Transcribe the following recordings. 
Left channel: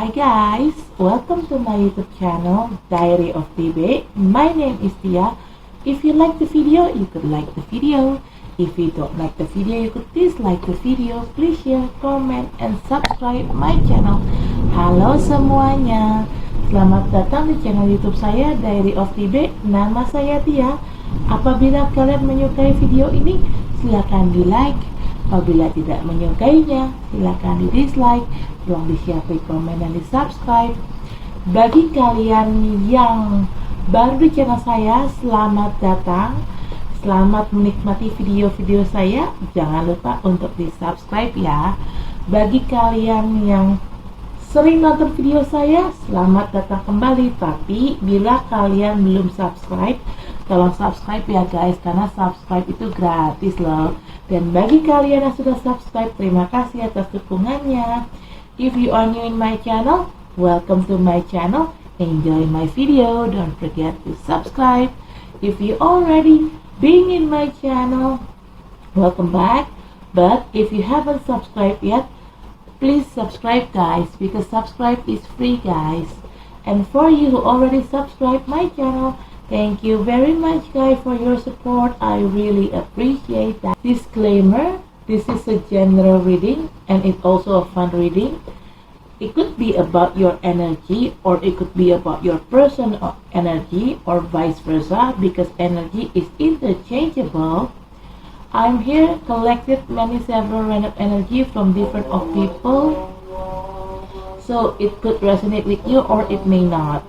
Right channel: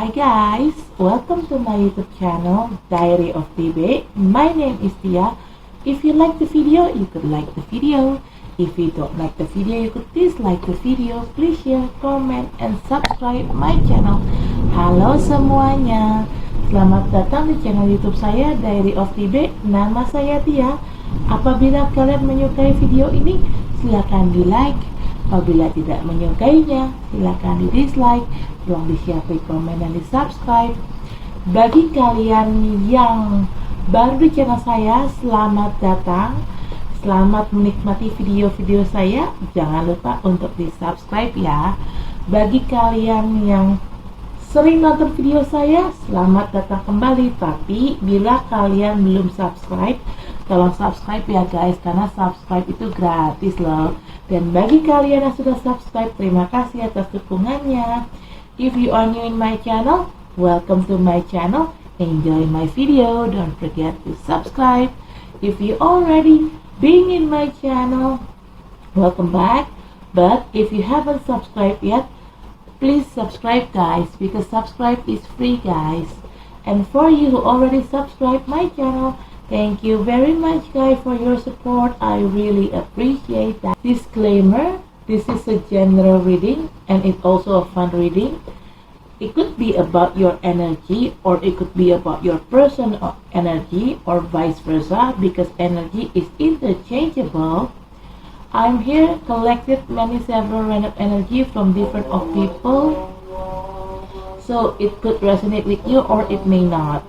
Hi guys, welcome to my YouTube channel Diary of TB. My name is Tia. If you like the video, you could like the video. If you don't like the video, you could dislike the video. Please share, comment, and subscribe my channel. Halo semuanya, selamat datang di channel YouTube saya Diary of TB. Nama saya Tia. Apabila kalian menyukai video ini, silakan di like. Apabila tidak menyukainya, silakan di dislike. Tolong di-share, komen, dan di-subscribe. Bagi kalian yang baru di channel saya, selamat datang. Selamat menikmati video-video saya. Jangan lupa untuk di-subscribe ya. Bagi kalian yang sering nonton video saya, selamat datang kembali. Tapi bila kalian belum subscribe, tolong subscribe ya guys, karena subscribe itu gratis loh. Dan bagi kalian yang sudah subscribe, terima kasih atas dukungannya. If you are new in my channel, welcome to my channel. Enjoy my video. Don't forget to subscribe. If you already been in my channel, welcome back. But if you haven't subscribed yet, please subscribe guys, because subscribe is free guys. And for you who already subscribed my channel, thank you very much guys for your support. I really appreciate that. Disclaimer, this is a general reading and it's also a fun reading. It could be about your energy, or it could be about your personal energy, or vice versa, because energy is interchangeable. I'm here collected several random energy from different of people, so it could resonate with you or it may not.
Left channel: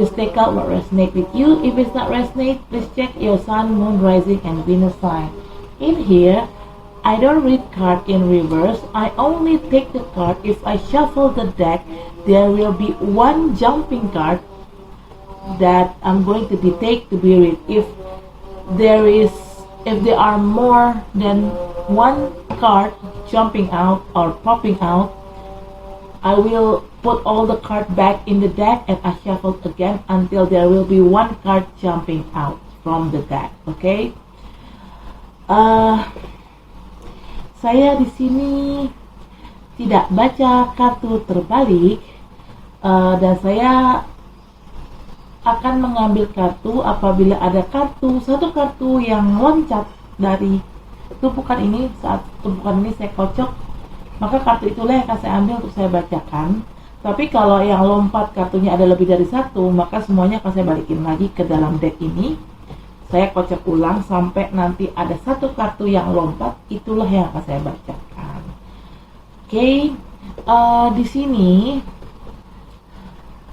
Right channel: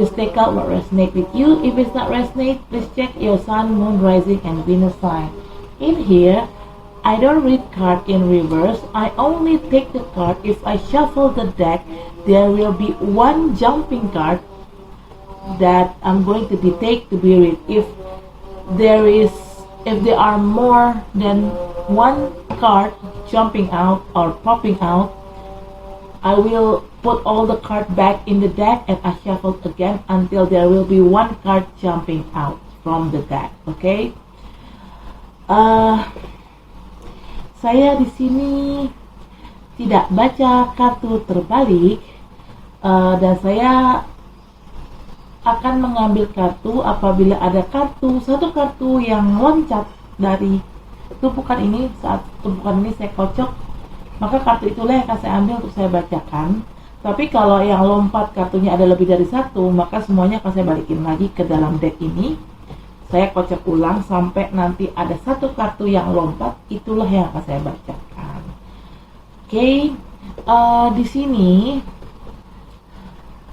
Just take out what resonates with you. If it's not resonate, please check your sun, moon, rising, and Venus sign. In here, I don't read card in reverse. I only take the card. If I shuffle the deck, there will be one jumping card that I'm going to take to be read. If there are more than one card jumping out or popping out, I will put all the cards back in the deck and I shuffle again until there will be one card jumping out from the deck. Okay? Saya di sini tidak baca kartu terbalik, dan saya akan mengambil kartu apabila ada satu kartu yang loncat dari tumpukan ini. Saat tumpukan ini saya kocok, maka kartu itulah yang akan saya ambil untuk saya bacakan. Tapi kalau yang lompat kartunya ada lebih dari satu, maka semuanya akan saya balikin lagi ke dalam deck ini. Saya kocok ulang sampai nanti ada satu kartu yang lompat, itulah yang akan saya bacakan. Oke, di sini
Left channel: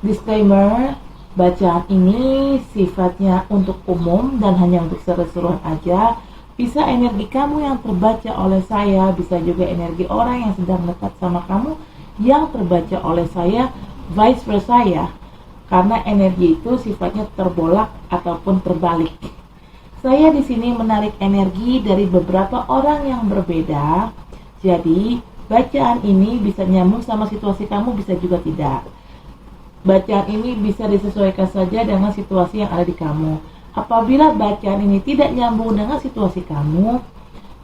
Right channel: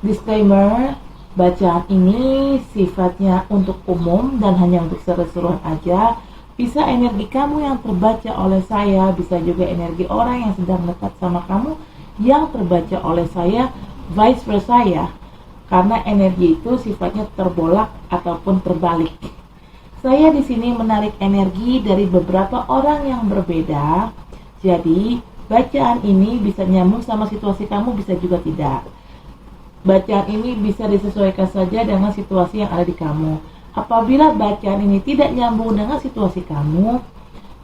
disclaimer, bacaan ini sifatnya untuk umum dan hanya untuk seru-seruan aja. Bisa energi kamu yang terbaca oleh saya, bisa juga energi orang yang sedang dekat sama kamu yang terbaca oleh saya, vice versa ya. Karena energi itu sifatnya terbolak ataupun terbalik. Saya di sini menarik energi dari beberapa orang yang berbeda. Jadi, bacaan ini bisa nyambung sama situasi kamu, bisa juga tidak. Bacaan ini bisa disesuaikan saja dengan situasi yang ada di kamu. Apabila bacaan ini tidak nyambung dengan situasi kamu,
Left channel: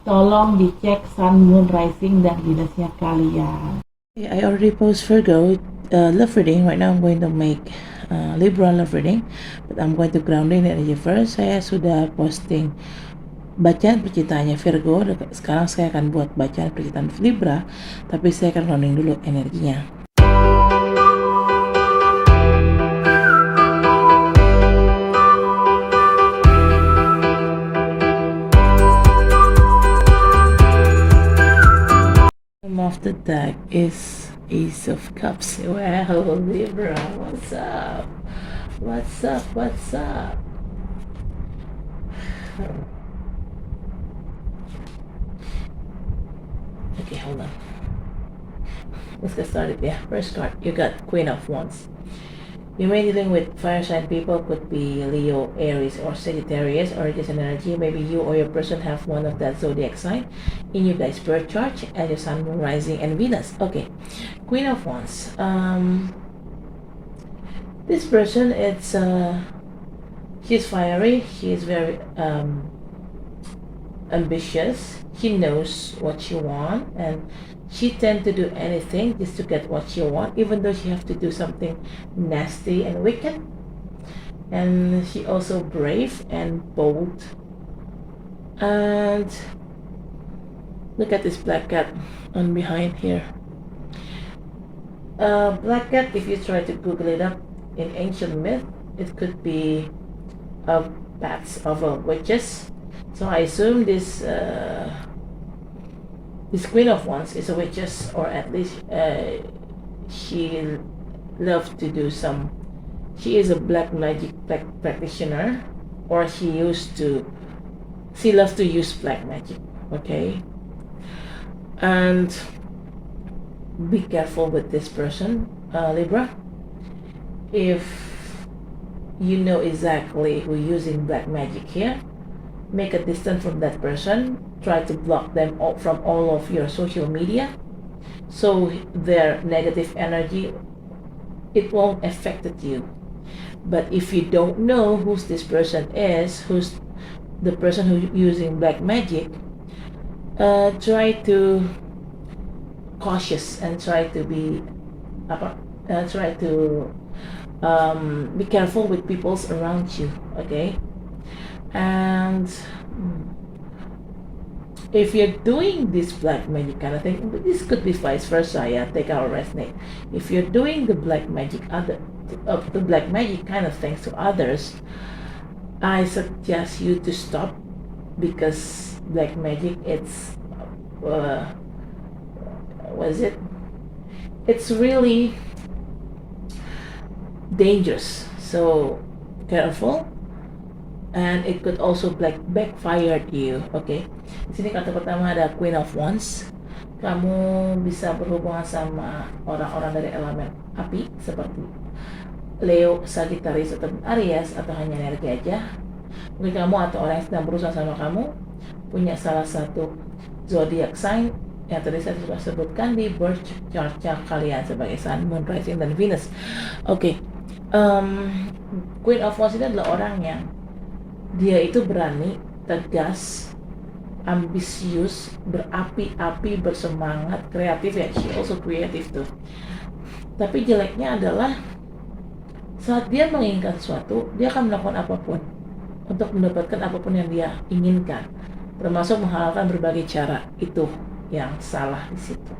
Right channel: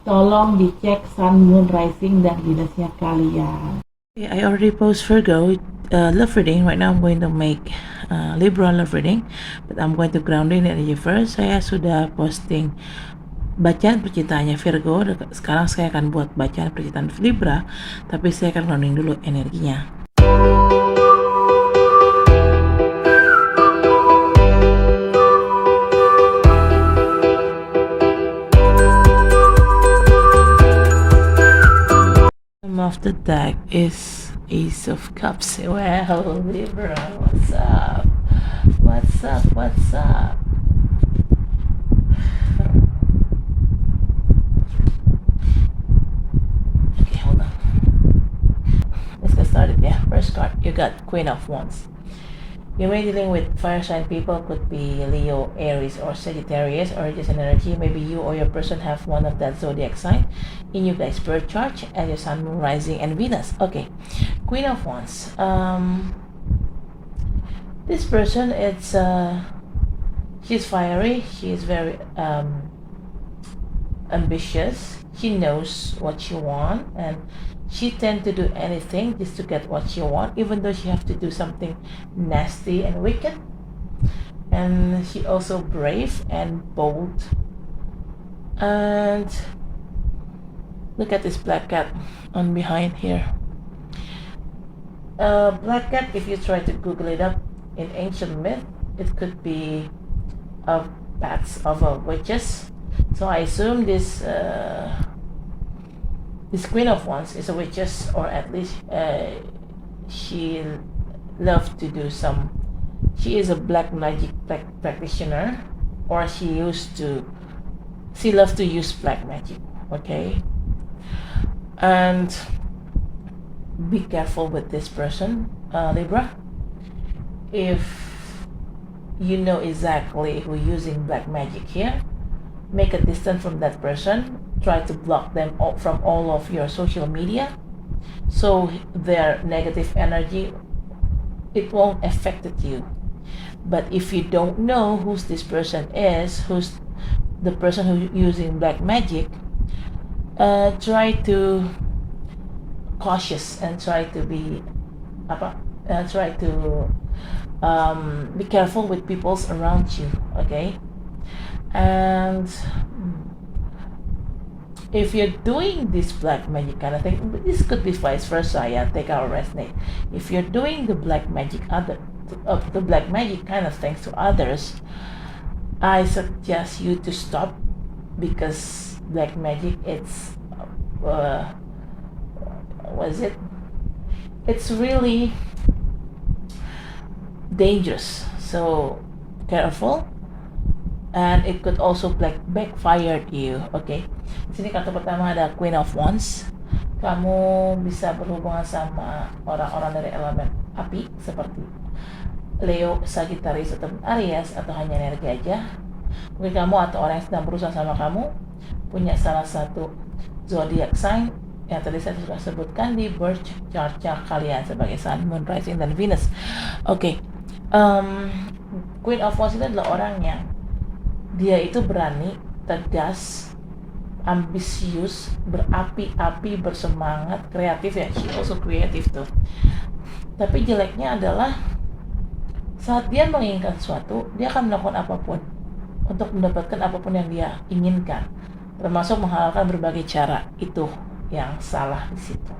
tolong dicek sun, moon, rising, dan Venusnya kalian. I already post Virgo love reading. Right now I'm going to make Libra love reading, but I'm going to grounding energy first. Saya sudah posting bacaan percintaannya Virgo. Sekarang saya akan buat bacaan percintaan Libra, tapi saya akan grounding dulu energinya. Of the deck is Ace of Cups. Wow, Libra, what's up? What's up? What's up? Okay, hold on. Let's get started. Yeah, first card, you got Queen of Wands. You may be dealing with fire sign people, could be Leo, Aries, or Sagittarius, or this energy. Maybe you or your person have one of that zodiac sign in you guys' birth chart, and your sun, moon, rising, and Venus. Okay, Queen of Wands. This person, she's fiery. She's very ambitious. She knows what she wants, and She tend to do anything just to get what she want, even though she have to do something nasty and wicked. And she also brave and bold. And look at this black cat on behind here. Black cat, if you try to Google it up in ancient myth, it could be bats of witches. So I assume this Queen of Wands is a witches, or at least she loved to do some. She is a black magic practitioner, or she loves to use black magic. Okay, and be careful with this person, Libra. If you know exactly who using black magic here, make a distance from that person. Try to block them from all of your social media, so their negative energy, it won't affect you. But if you don't know who this person is, who's the person who's using black magic, try to cautious and try to be be careful with people around you. Okay, and if you're doing this black magic kind of thing, this could be vice versa. Yeah, take our resonate. If you're doing the black magic kind of things to others, I suggest you to stop, because black magic, it's what is it? It's really dangerous. So careful, and it could also backfire to you. Okay. Di sini kartu pertama ada Queen of Wands. Kamu bisa berhubungan sama orang-orang dari elemen api seperti Leo, Sagittarius, atau Aries, atau hanya energi aja. Mungkin kamu atau orang yang sedang berusaha sama kamu punya salah satu zodiac sign yang tadi saya sudah sebutkan di birth chart kalian sebagai Sun, Moon, Rising, dan Venus. Oke. Queen of Wands ini adalah orang yang dia itu berani, tegas, ambisius, berapi-api, bersemangat, kreatif ya. She also kreatif tuh. Tapi jeleknya adalah saat dia menginginkan sesuatu, dia akan melakukan apapun untuk mendapatkan apapun yang dia inginkan, termasuk menghalalkan berbagai cara. Itu yang salah di situ.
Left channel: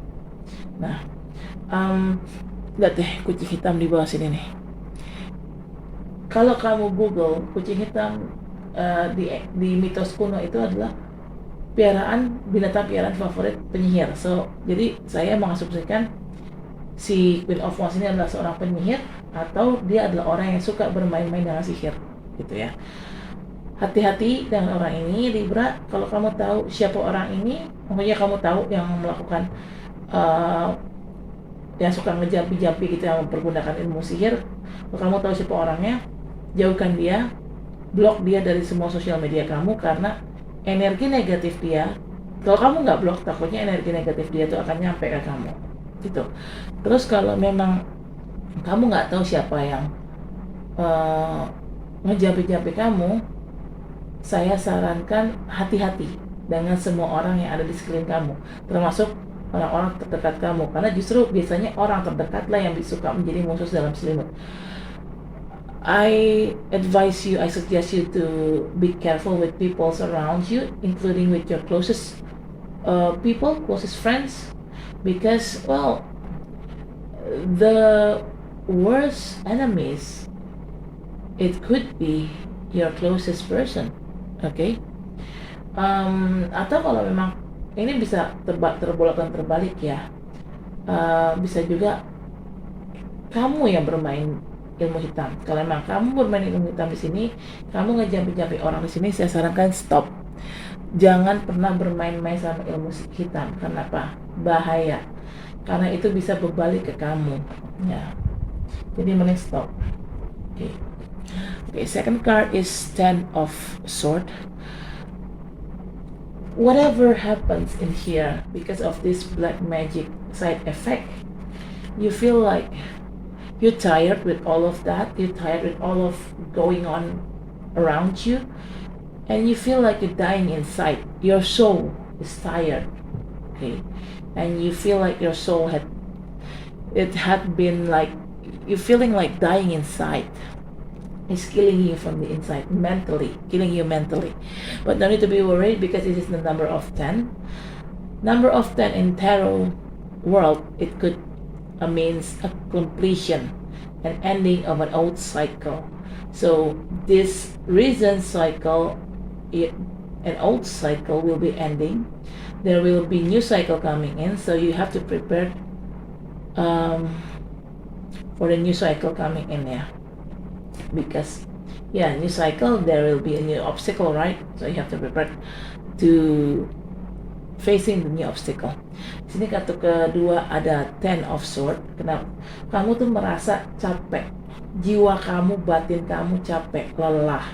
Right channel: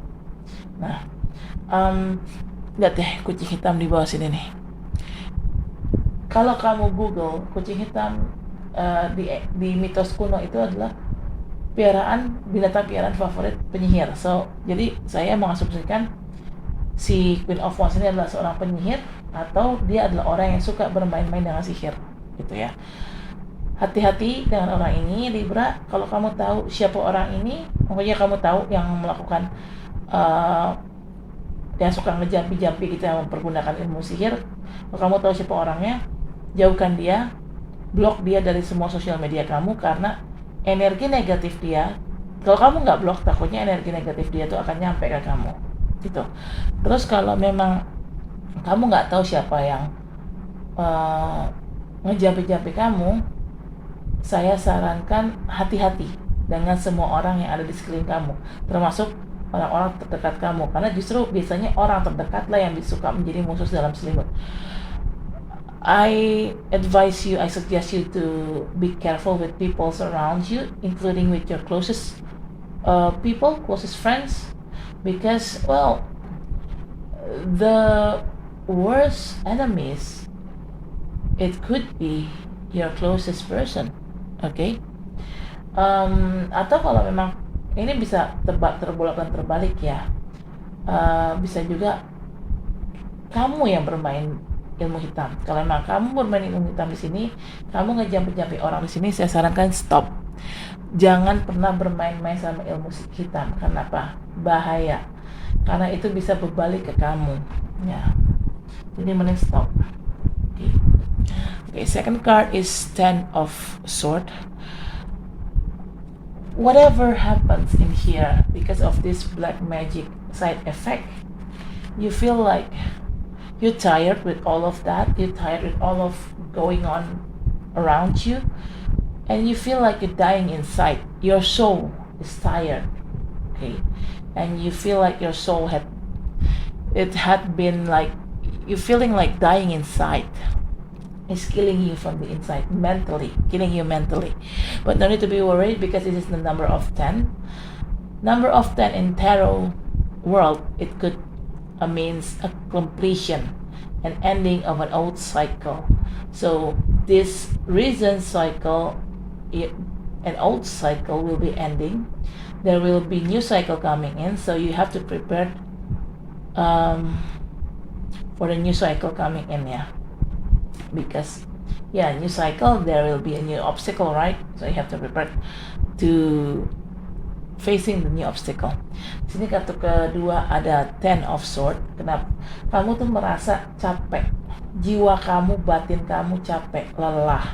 Nah, lihat deh kucing hitam di bawah sini nih. Kalau kamu Google kucing hitam, di mitos kuno itu adalah binatang piaraan favorit penyihir. So, jadi saya mengasumsikan si Queen of Wands ini adalah seorang penyihir, atau dia adalah orang yang suka bermain-main dengan sihir, gitu ya. Hati-hati dengan orang ini, Libra. Kalau kamu tahu siapa orang ini, pokoknya kamu tahu yang melakukan yang suka ngejampi-jampi gitu, yang mempergunakan ilmu sihir. Kalau kamu tahu siapa orangnya, jauhkan dia, blok dia dari semua sosial media kamu, karena energi negatif dia, kalau kamu nggak blok, takutnya energi negatif dia itu akan nyampe ke kamu, gitu. Terus kalau memang kamu nggak tahu siapa yang ngejampi-jampi kamu, saya sarankan hati-hati dengan semua orang yang ada di sekeliling kamu, termasuk orang-orang terdekat kamu, karena justru biasanya orang terdekatlah yang suka menjadi musuh dalam selimut. I suggest you to be careful with people around you, including with your closest people, closest friends, because, well, the worst enemies, it could be your closest person, okay? Atau kalau memang ini bisa terbolak dan terbalik ya, bisa juga kamu yang bermain ilmu hitam. Kalau memang kamu bermain ilmu hitam di sini, kamu ngejampi-jampi orang di sini, saya sarankan stop. Jangan pernah bermain-main sama ilmu hitam. Kenapa? Bahaya. Karena itu bisa berbalik ke kamu. Ya. Jadi mending stop. Okay, second card is Ten of Swords. Whatever happens in here because of this black magic side effect, you feel like you're tired with all of that. You're tired with all of going on around you, and you feel like you're dying inside. Your soul is tired. okay, and you feel like your soul had been like, you're feeling like dying inside. It's killing you from the inside, killing you mentally. But no need to be worried, because this is the number of 10. Number of 10 in tarot world, it could means a completion, an ending of an old cycle. So this recent cycle, an old cycle will be ending. There will be new cycle coming in, so you have to prepare for the new cycle coming in, yeah. Because new cycle, there will be a new obstacle, right? So you have to prepare to facing the new obstacle. Di sini kartu kedua ada Ten of Swords. Kenapa? Kamu tuh merasa capek, jiwa kamu, batin kamu capek, lelah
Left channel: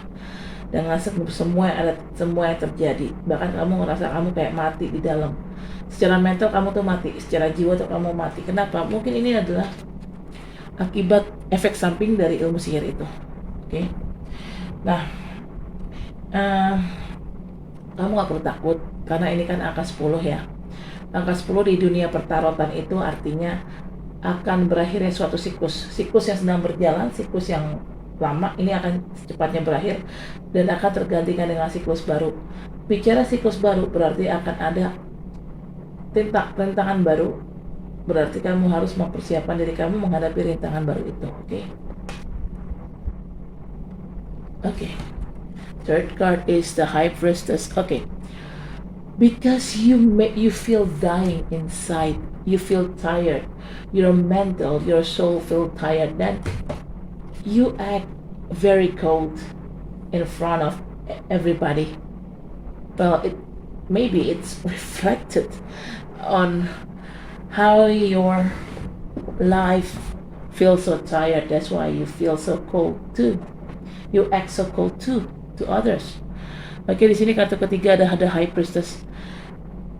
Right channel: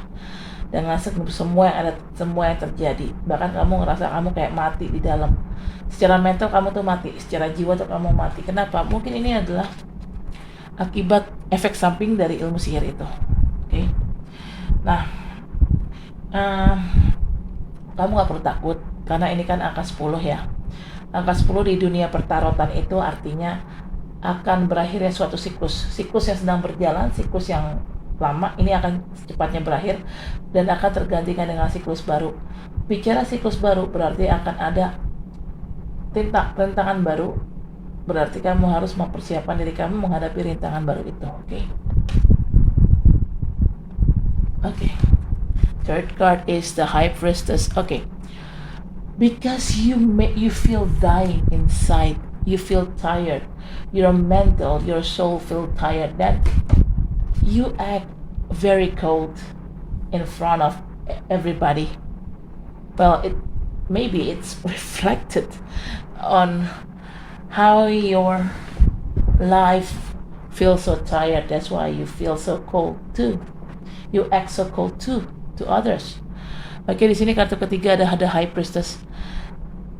dengan semua yang terjadi. Bahkan kamu ngerasa kamu kayak mati di dalam. Secara mental kamu tuh mati, secara jiwa tuh kamu mati. Kenapa? Mungkin ini adalah akibat efek samping dari ilmu sihir itu. Oke. Nah, kamu gak perlu takut, karena ini kan angka 10 ya. Angka 10 di dunia pertarotan itu artinya akan berakhirnya suatu siklus yang sedang berjalan, siklus yang lama ini akan cepatnya berakhir dan akan tergantikan dengan siklus baru. Bicara siklus baru berarti akan ada rintangan baru, berarti kamu harus mempersiapkan diri kamu menghadapi rintangan baru itu. Oke. Third card is the High Priestess. Okay. Because you feel dying inside, you feel tired, your mental, your soul feel tired, then you act very cold in front of everybody. Well, maybe it's reflected on how your life feels so tired. That's why you feel so cold too. You act so cold too to others. Oke, di sini kartu ketiga ada High Priestess.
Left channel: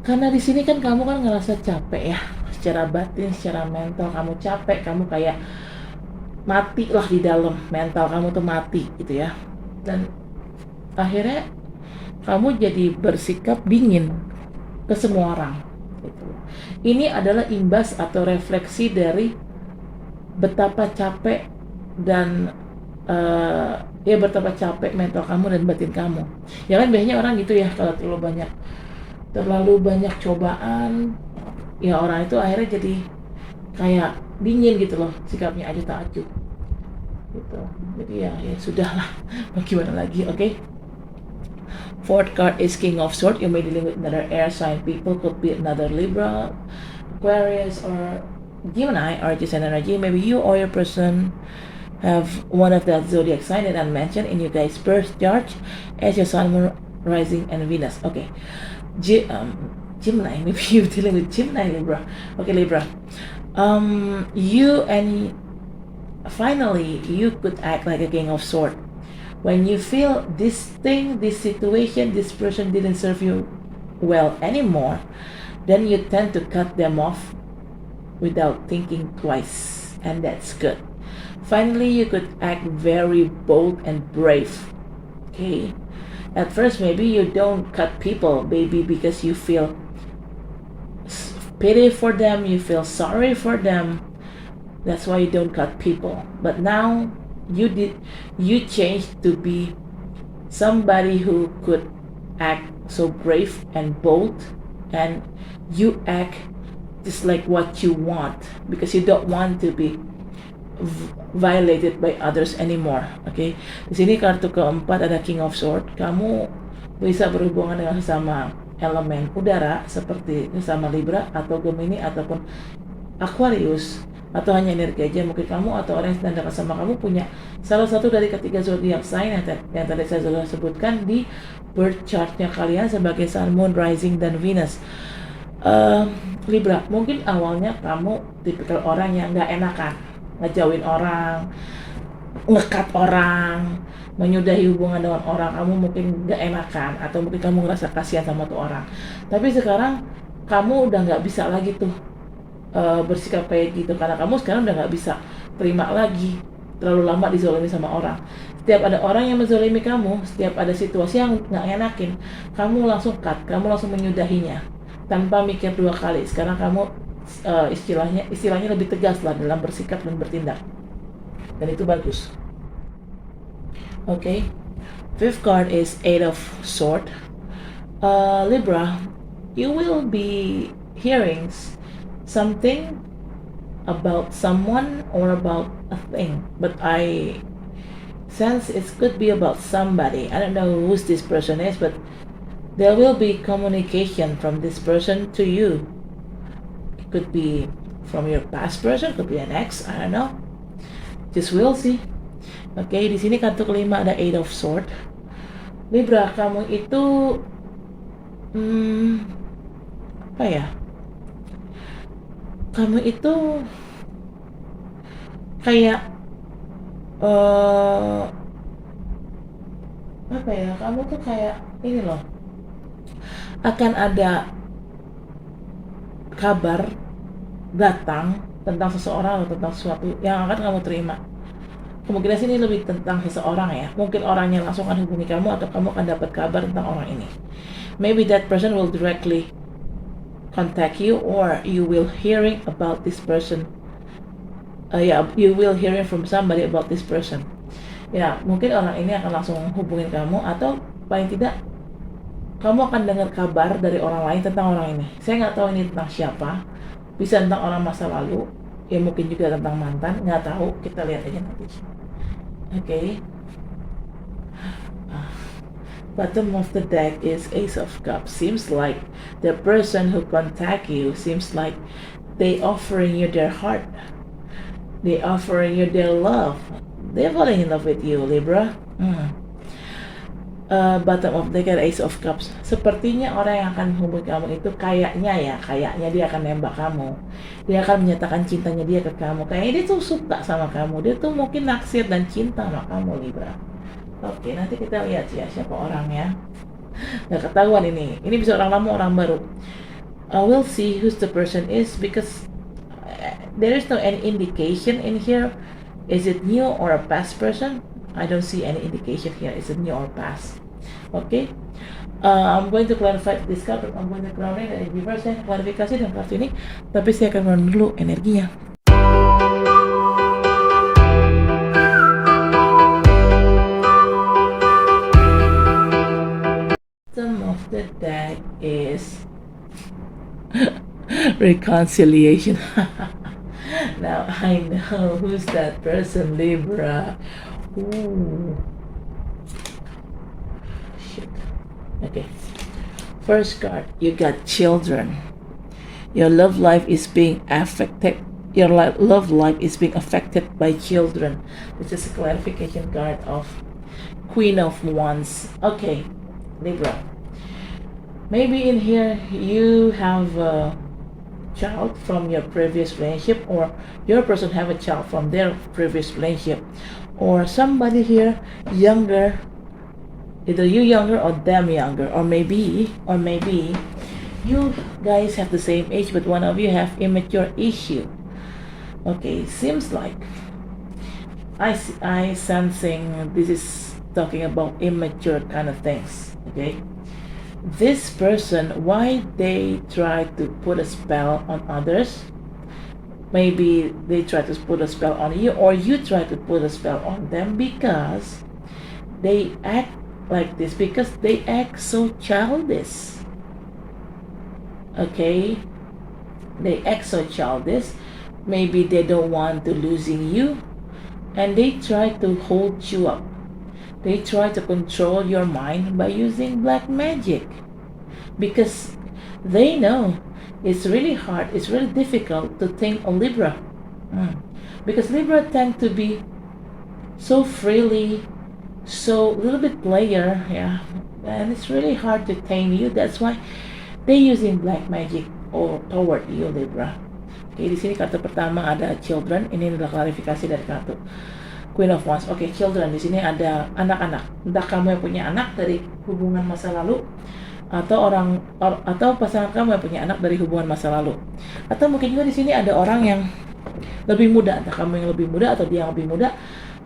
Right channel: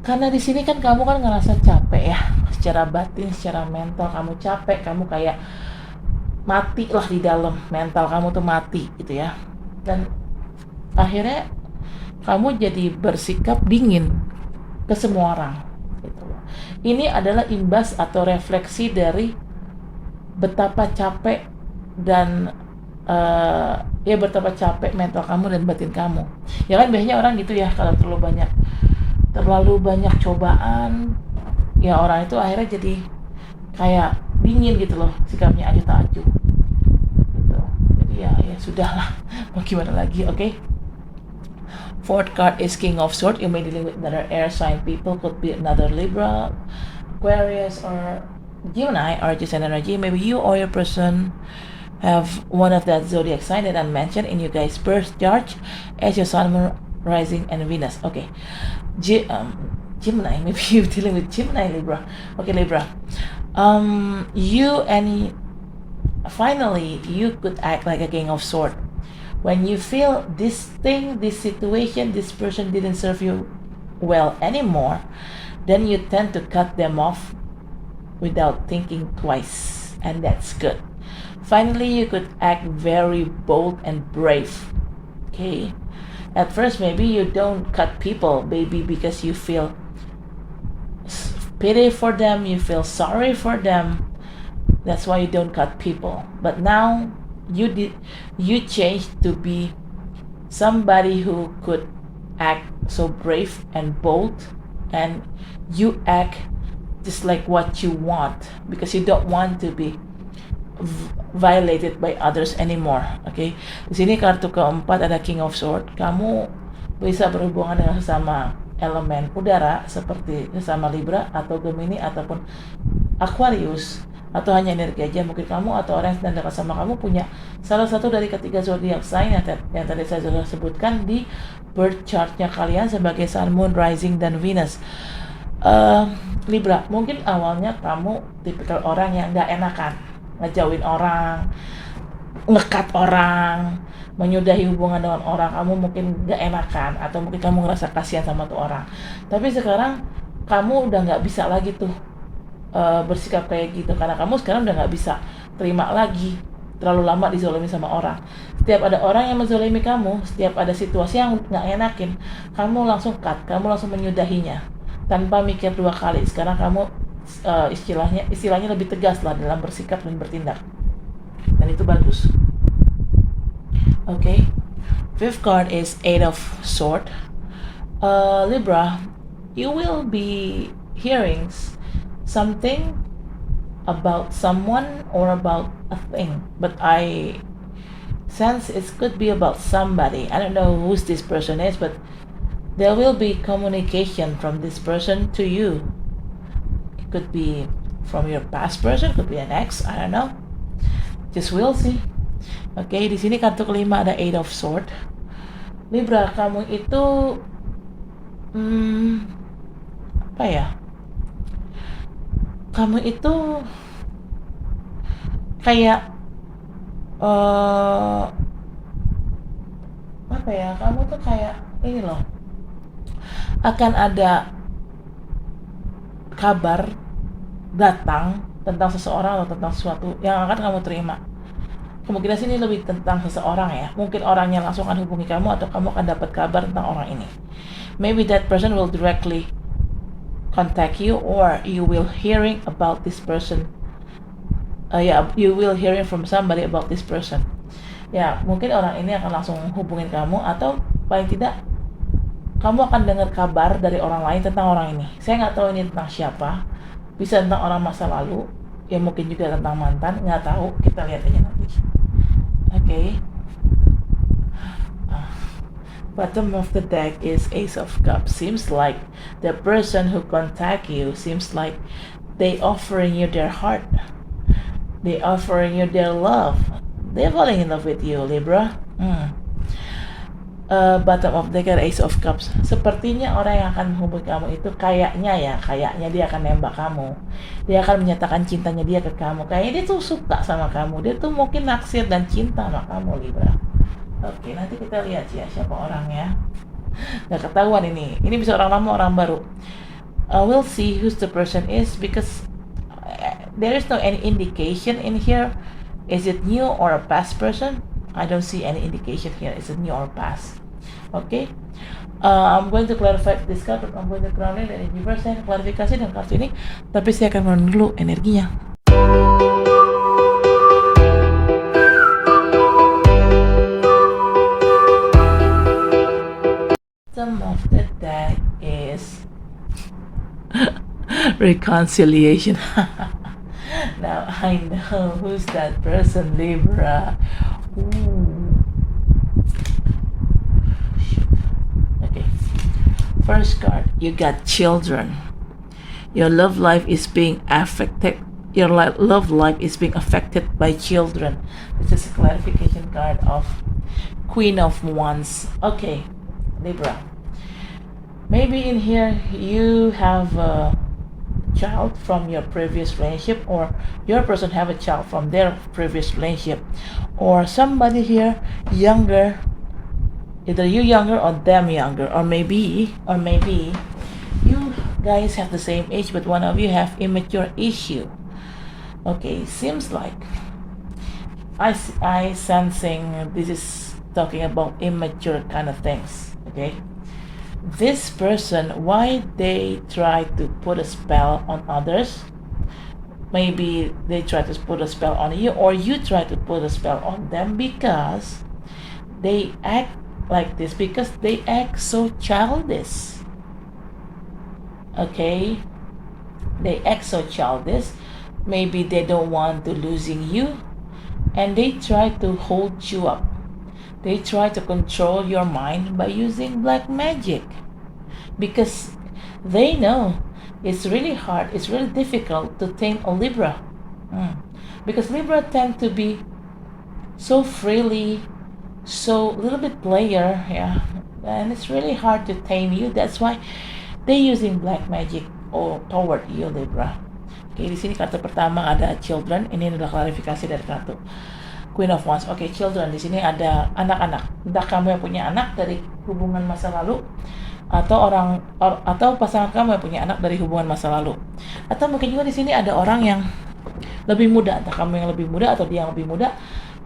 Karena di sini kan kamu kan ngerasa capek ya, secara batin, secara mental kamu capek, kamu kayak mati lah di dalam, mental kamu tuh mati gitu ya. Dan akhirnya kamu jadi bersikap dingin ke semua orang. Gitu. Ini adalah imbas atau refleksi dari betapa capek dan betapa capek mental kamu dan batin kamu. Ya kan biasanya orang gitu ya, kalau terlalu banyak cobaan, ya orang itu akhirnya jadi kayak dingin gitu loh, sikapnya acuh tak acuh gitu. Jadi ya sudahlah, mau gimana lagi. Okay. Fourth card is King of Swords. You may deal with another air sign people, could be another Libra, Aquarius, or Gemini, or just an energy. Maybe you or your person have one of that zodiac sign that I mentioned in your guys' birth chart as your sun, moon, rising, and Venus. Okay, Gemini. Maybe you're dealing with Gemini, Libra. Okay, Libra. Finally, you could act like a King of Swords. When you feel this thing, this situation, this person didn't serve you well anymore, then you tend to cut them off without thinking twice, and that's good. Finally, you could act very bold and brave. Okay. At first, maybe you don't cut people, maybe because you feel pity for them, you feel sorry for them. That's why you don't cut people. But now you changed to be somebody who could act so brave and bold, and you act just like what you want because you don't want to be violated by others anymore. Okay. Di sini kartu keempat ada King of Swords. Kamu bisa berhubungan dengan sesama elemen udara seperti sesama Libra atau Gemini ataupun Aquarius, atau hanya energi aja. Mungkin kamu atau orang yang sedang dekat sama kamu punya salah satu dari ketiga zodiac sign yang tadi saya sudah sebutkan di birth chartnya kalian sebagai Sun, Moon, Rising, dan Venus. Libra, mungkin awalnya kamu tipikal orang yang gak enakan, ngejauhin orang, ngekat orang, menyudahi hubungan dengan orang. Kamu mungkin gak enakan, atau mungkin kamu ngerasa kasihan sama tuh orang. Tapi sekarang kamu udah gak bisa lagi tuh bersikap kayak gitu, karena kamu sekarang udah gak bisa terima lagi terlalu lama dizolimi sama orang. Setiap ada orang yang menzolimi kamu, setiap ada situasi yang gak enakin, kamu langsung cut, kamu langsung menyudahinya. tanpa mikir dua kali. Sekarang kamu istilahnya lebih tegas lah dalam bersikap dan bertindak, dan itu bagus. Okay, fifth card is Eight of Swords. Libra, you will be hearing something about someone or about a thing, but I sense it could be about somebody. I don't know who this person is, but there will be communication from this person to you. It could be from your past person, could be an ex, I don't know. Just we'll see. Oke, di sini kartu kelima ada Eight of Swords. Libra, kamu itu apa ya? Kamu itu kayak apa ya? Kamu tuh kayak ini loh. Akan ada kabar datang tentang seseorang atau tentang sesuatu yang akan kamu terima. Kemungkinan sini lebih tentang seseorang ya. Mungkin orangnya langsung akan hubungi kamu atau kamu akan dapat kabar tentang orang ini. Maybe that person will directly contact you, or you will hearing about this person. You will hearing from somebody about this person. Ya, mungkin orang ini akan langsung menghubungin kamu, atau paling tidak kamu akan dengar kabar dari orang lain tentang orang ini. Saya nggak tahu ini tentang siapa. Bisa tentang orang masa lalu, ya mungkin juga tentang mantan, nggak tahu. Kita lihat aja nanti. Okay. Bottom of the deck is Ace of Cups. Seems like the person who contact you seems like they offering you their heart. They offering you their love. They're falling in love with you, Libra. Bottom of the deck, Ace of Cups. Sepertinya orang yang akan menghubungi kamu itu kayaknya dia akan nembak kamu. Dia akan menyatakan cintanya dia ke kamu. Kayaknya dia tuh suka sama kamu. Dia tuh mungkin naksir dan cinta sama kamu, Libra. Oke, nanti kita lihat ya siapa orangnya. Nggak ketahuan ini. Ini bisa orang lama, orang baru. We'll see who the person is, because there is no any indication in here. Is it new or a past person? I don't see any indication here. Is it new or past? Okay. I'm going to clarify this card. I'm going to ground it dari reverse, saya klarifikasi dan kartu ini. Tapi saya akan menurun dulu energinya. Some of the deck is reconciliation. Now I know who's that person, Libra. Ooh. Shit. Okay. First card, you got children. Your love life is being affected. Your love life is being affected by children. This is a clarification card of Queen of Wands. Okay, Libra. Maybe in here you have a child from your previous relationship, or your person have a child from their previous relationship, or somebody here younger, either you younger or them younger, or maybe you guys have the same age but one of you have immature issue. Okay, seems like I sensing this is talking about immature kind of things. Okay, this person, why they try to put a spell on others? Maybe they try to put a spell on you, or you try to put a spell on them, because they act like this, because they act so childish. Okay, they act so childish. Maybe they don't want to losing you, and they try to hold you up. They try to control your mind by using black magic, because they know it's really hard, it's really difficult to tame a Libra. Because Libra tend to be so freely, so little bit player, yeah, and it's really hard to tame you. That's why they using black magic or toward you, Libra. Oke, di sini kartu pertama ada children. Ini adalah klarifikasi dari kartu Queen of Wands. Oke, children, di sini ada anak-anak. Entah kamu yang punya anak dari hubungan masa lalu, atau atau pasangan kamu yang punya anak dari hubungan masa lalu, atau mungkin juga di sini ada orang yang lebih muda, entah kamu yang lebih muda atau dia yang lebih muda,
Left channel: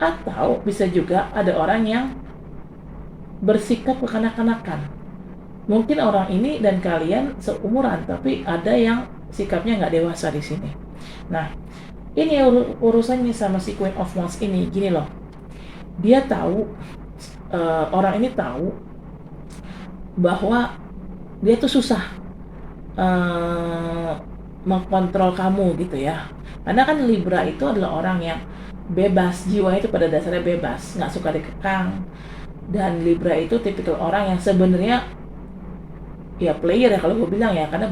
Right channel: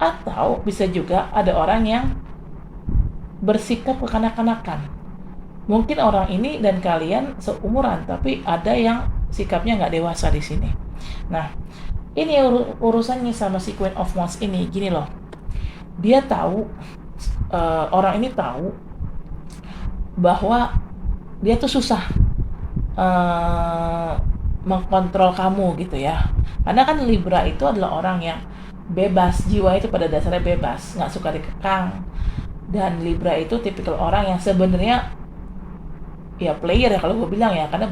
atau bisa juga ada orang yang bersikap kekanak-kanakan. Mungkin orang ini dan kalian seumuran, tapi ada yang sikapnya nggak dewasa di sini. Nah, ini urusannya sama si Queen of Wands ini, gini loh. Dia tahu, orang ini tahu bahwa dia tuh susah mengkontrol kamu gitu ya. Karena kan Libra itu adalah orang yang bebas, jiwa itu pada dasarnya bebas, nggak suka dikekang. Dan Libra itu tipikal orang yang sebenarnya ya player ya kalau gue bilang ya, karena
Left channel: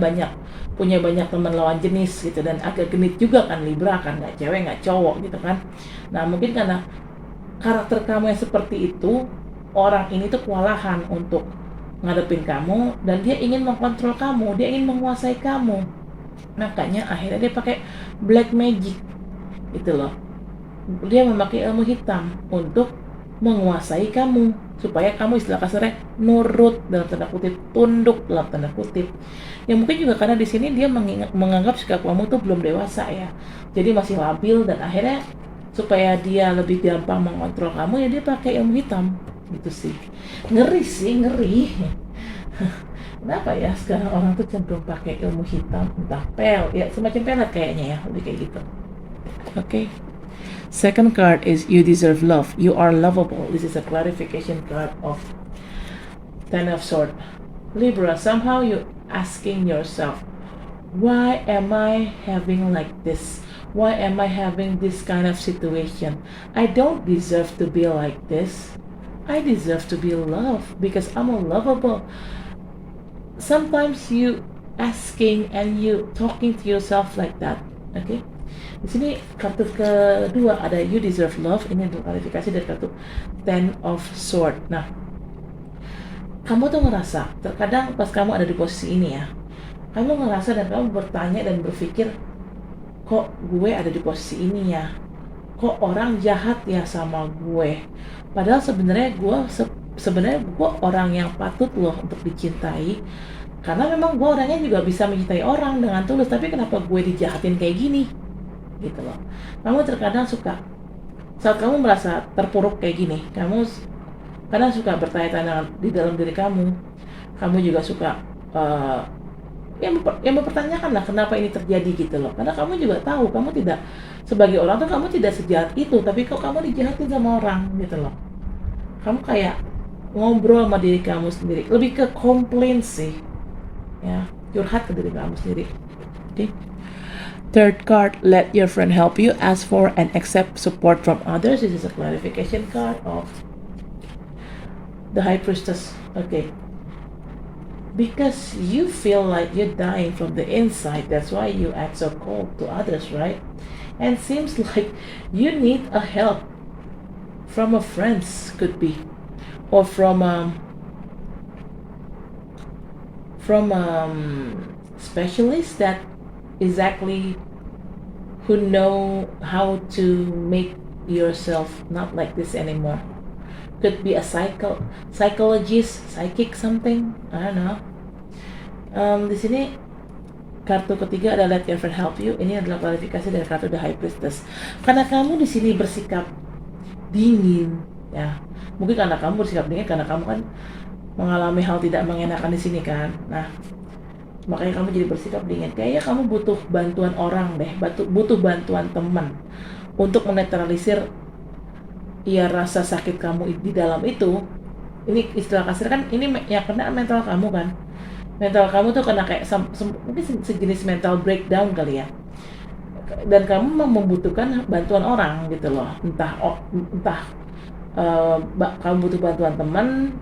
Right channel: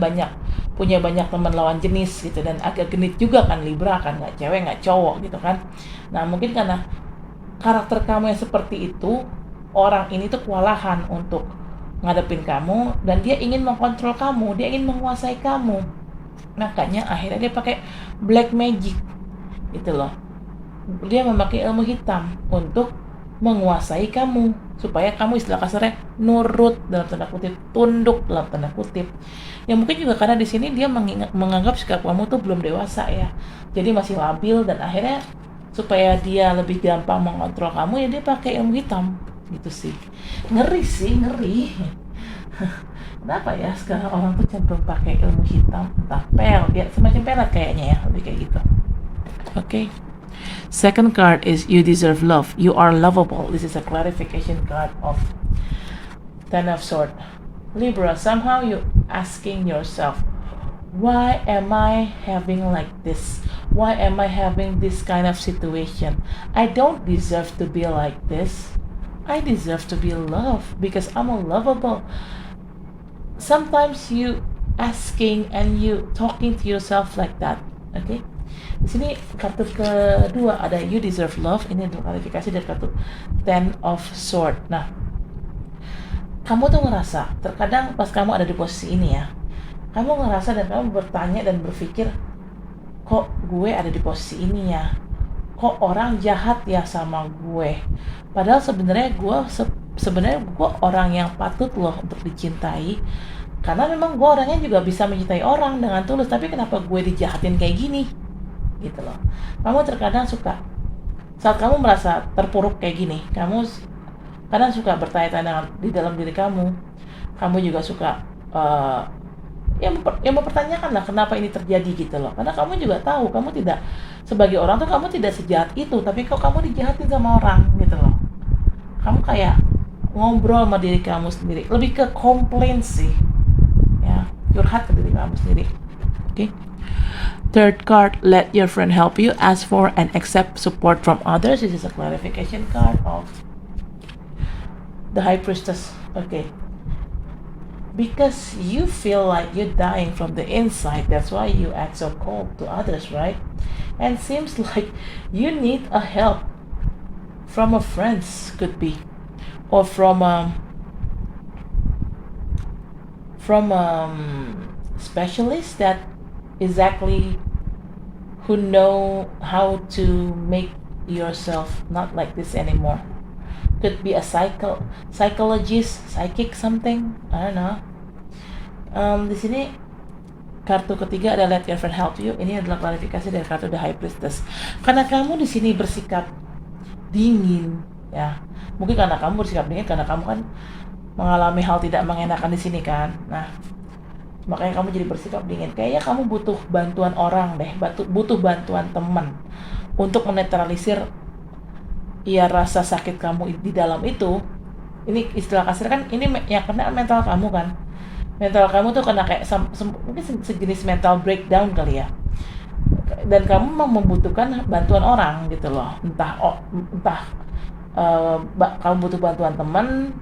punya banyak teman lawan jenis gitu, dan agak genit juga kan Libra kan, nggak cewek nggak cowok gitu kan. Nah mungkin karena karakter kamu yang seperti itu, orang ini tuh kewalahan untuk ngadepin kamu, dan dia ingin mengkontrol kamu, dia ingin menguasai kamu. Makanya akhirnya dia pakai black magic gitu loh. Dia memakai ilmu hitam untuk menguasai kamu, supaya kamu istilah kasarnya nurut dalam tanda kutip, tunduk dalam tanda kutip. Ya mungkin juga karena di sini dia menganggap sikap kamu tuh belum dewasa ya, jadi masih labil, dan akhirnya supaya dia lebih gampang mengontrol kamu ya dia pakai ilmu hitam gitu sih. Ngeri. Kenapa ya sekarang orang tuh cenderung pakai ilmu hitam, entah ya semacam pelet kayaknya ya, lebih kayak gitu. Okay. Second card is you deserve love. You are lovable. This is a clarification card of Ten of Swords. Libra, somehow you asking yourself, why am I having like this? Why am I having this kind of situation? I don't deserve to be like this. I deserve to be loved because I'm lovable. Sometimes you asking and you talking to yourself like that. Okay? Di sini kartu kedua ada you deserve love, ini adalah klarifikasi dari kartu Ten of Swords. Nah, kamu tuh ngerasa terkadang pas kamu ada di posisi ini ya, kamu ngerasa dan kamu bertanya dan berpikir, kok gue ada di posisi ini ya, kok orang jahat ya sama gue, padahal sebenarnya gue orang yang patut loh untuk dicintai, karena memang gue orangnya juga bisa mencintai orang dengan tulus, tapi kenapa gue dijahatin kayak gini gitu loh. Kamu terkadang suka, saat kamu merasa terpuruk kayak gini, kamu kadang suka bertanya-tanya di dalam diri kamu juga suka yang mempertanyakan lah kenapa ini terjadi gitu loh. Karena kamu juga tahu, kamu tidak, sebagai orang tuh kamu tidak sejahat itu, tapi kok kamu dijahatin sama orang gitu loh. Kamu kayak ngobrol sama diri kamu sendiri, lebih ke komplain sih ya, curhat ke diri kamu sendiri. Okay. Third card, let your friend help you, ask for and accept support from others. This is a clarification card of the High Priestess. Okay. Because you feel like you're dying from the inside, that's why you act so cold to others, right? And seems like you need a help from a friend, could be, or from specialist that exactly who know how to make yourself not like this anymore. Could be a psychologist, psychic something, I don't know. Di sini kartu ketiga ada let your friend help you. Ini adalah klarifikasi dari kartu The High Priestess. Karena kamu di sini bersikap dingin, ya. Mungkin karena kamu bersikap dingin karena kamu kan mengalami hal tidak mengenakan di sini kan. Nah, makanya kamu jadi bersikap dingin. Kayaknya kamu butuh bantuan orang deh, butuh bantuan teman untuk menetralisir ya rasa sakit kamu di dalam itu. Ini istilah kasar kan, ini yang kena mental kamu kan. Mental kamu tuh kena kayak mungkin sejenis mental breakdown kali ya. Dan kamu membutuhkan bantuan orang gitu loh. Entah kamu butuh bantuan teman.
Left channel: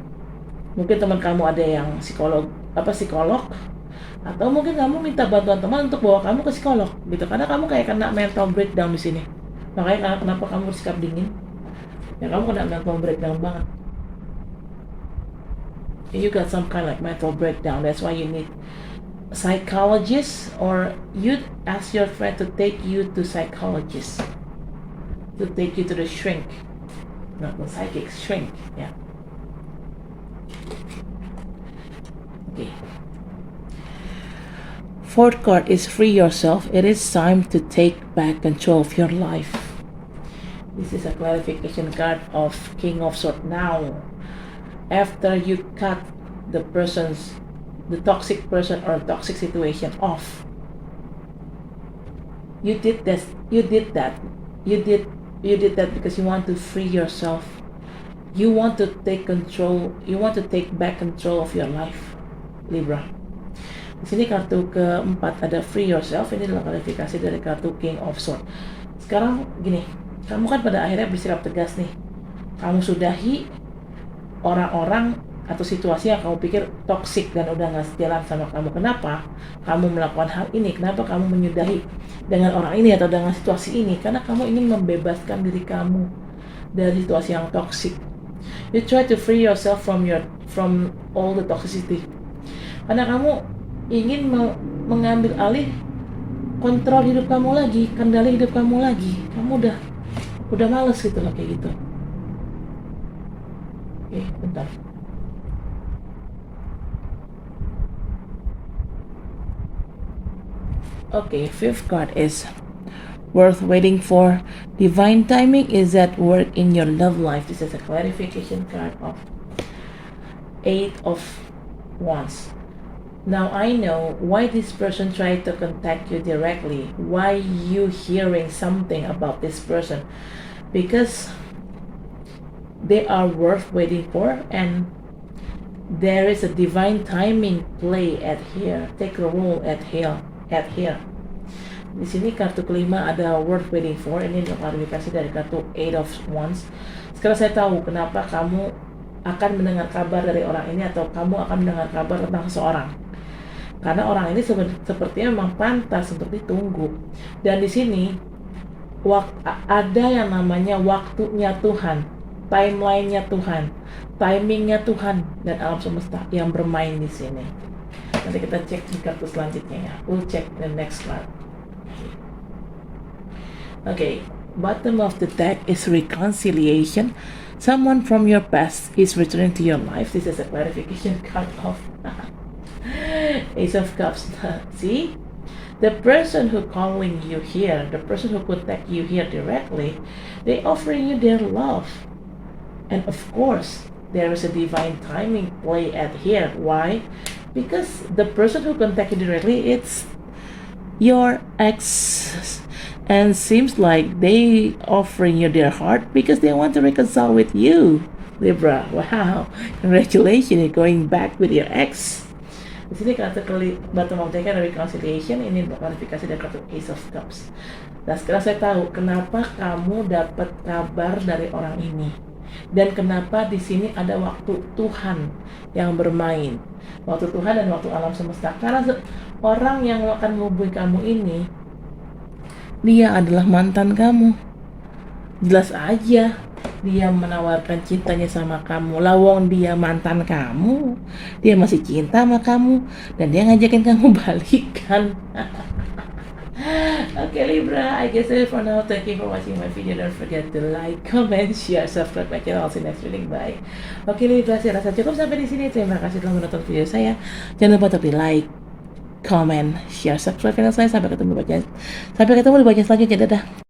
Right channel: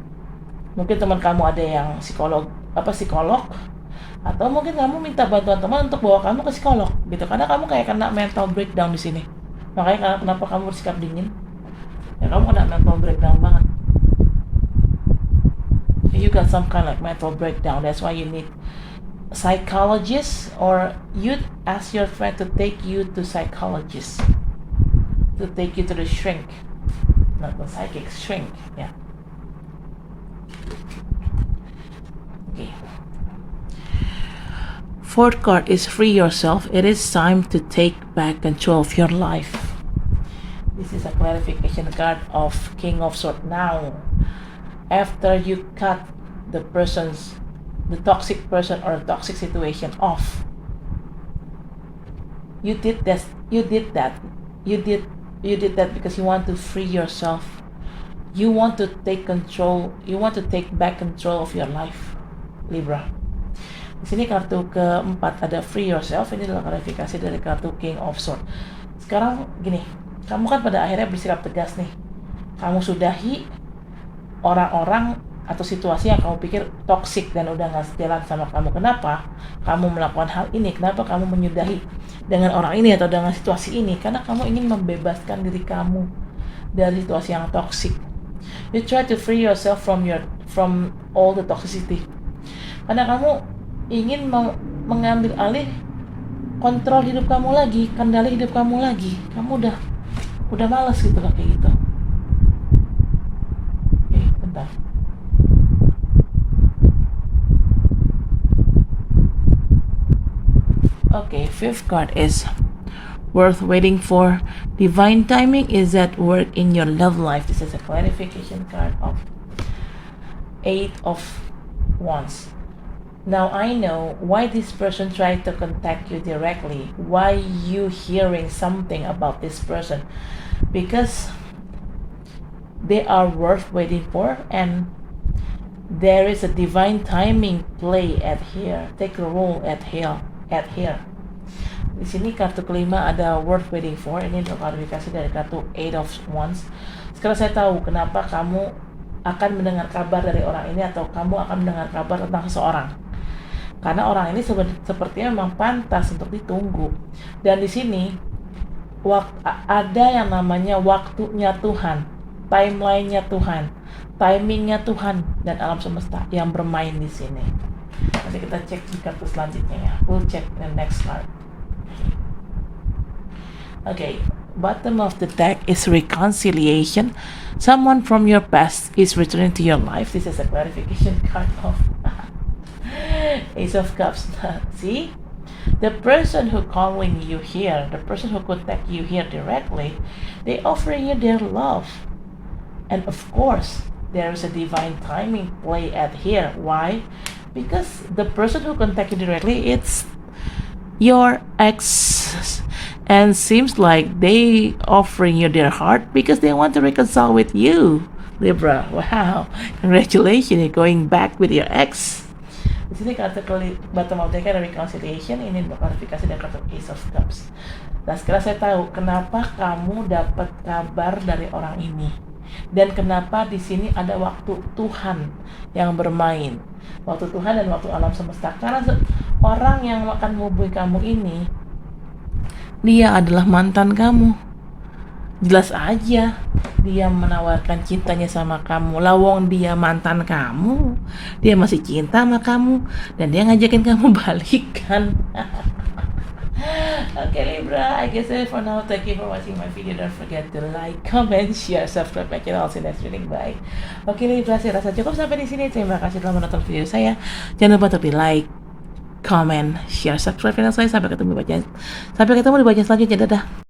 Mungkin teman kamu ada yang psikolog, atau mungkin kamu minta bantuan teman untuk bawa kamu ke psikolog gitu, karena kamu kayak kena mental breakdown di sini. Makanya kenapa kamu bersikap dingin? Ya kamu kena mental breakdown banget. You got some kind of like mental breakdown. That's why you need a psychologist, or you ask your friend to take you to psychologist, to take you to the shrink, not the psychic, shrink. Yeah. Okay. Fourth card is free yourself. It is time to take back control of your life. This is a clarification card of King of Swords. Now, after you cut the toxic person or toxic situation off. You did that because you want to free yourself. You want to take back control of your life, Libra. Di sini kartu keempat ada free yourself. Ini adalah klarifikasi dari kartu King of Swords. Sekarang gini, kamu kan pada akhirnya bersikap tegas nih. Kamu sudahi orang-orang atau situasi yang kamu pikir toksik dan udah gak setiran sama kamu. Kenapa kamu melakukan hal ini? Kenapa kamu menyudahi dengan orang ini atau dengan situasi ini? Karena kamu ingin membebaskan diri kamu dari situasi yang toksik. You try to free yourself from all the toxicity. Karena kamu ingin mengambil alih kontrol hidup kamu lagi, kendali hidup kamu lagi. Kamu udah males gitu loh kayak gitu. Oke, bentar. Okay, fifth card is worth waiting for. Divine timing is at work in your love life. This is a clarification card of 8 of Wands. Now I know why this person tried to contact you directly. Why you hearing something about this person? Because they are worth waiting for, and there is a divine timing play at here. Take a role at here. Di sini kartu kelima ada worth waiting for. Ini adalah klarifikasi dari kartu 8 of Wands. Sekarang saya tahu kenapa kamu akan mendengar kabar dari orang ini, atau kamu akan mendengar kabar tentang seseorang. Karena orang ini sepertinya memang pantas untuk ditunggu. Dan di sini ada yang namanya waktunya Tuhan, timelinenya Tuhan, timingnya Tuhan dan alam semesta yang bermain di sini. Nanti kita cek di kartu selanjutnya ya. We'll check the next card. Okay, bottom of the deck is reconciliation. Someone from your past is returning to your life. This is a clarification card of Ace of Cups. See? The person who calling you here, the person who contact you here directly, they offer you their love. And of course, there's a divine timing play at here. Why? Because the person who contact you directly, it's your ex, and seems like they offering you their heart because they want to reconcile with you, Libra. Wow, congratulations, you're going back with your ex. Di sini kartu bottom of the deck ada reconciliation. Ini klarifikasi dari kartu Ace of Cups. Nah, sekarang saya tahu kenapa kamu dapat kabar dari orang ini, dan kenapa di sini ada waktu Tuhan yang bermain, waktu Tuhan dan waktu alam semesta. Karena orang yang akan menghubungi kamu ini, dia adalah mantan kamu. Jelas aja dia menawarkan cintanya sama kamu. Lawong dia mantan kamu, dia masih cinta sama kamu, dan dia ngajakin kamu balikan. Okay, Libra, I guess that's for now. Thank you for watching my video. Don't forget to like, comment, share, subscribe my channel. See you next reading. Bye. Okay, Libra, saya rasa cukup sampai di sini. Terima kasih telah menonton video saya. Jangan lupa untuk like, comment, share, subscribe channel saya. Sampai ketemu di bagian selanjutnya. Dadah.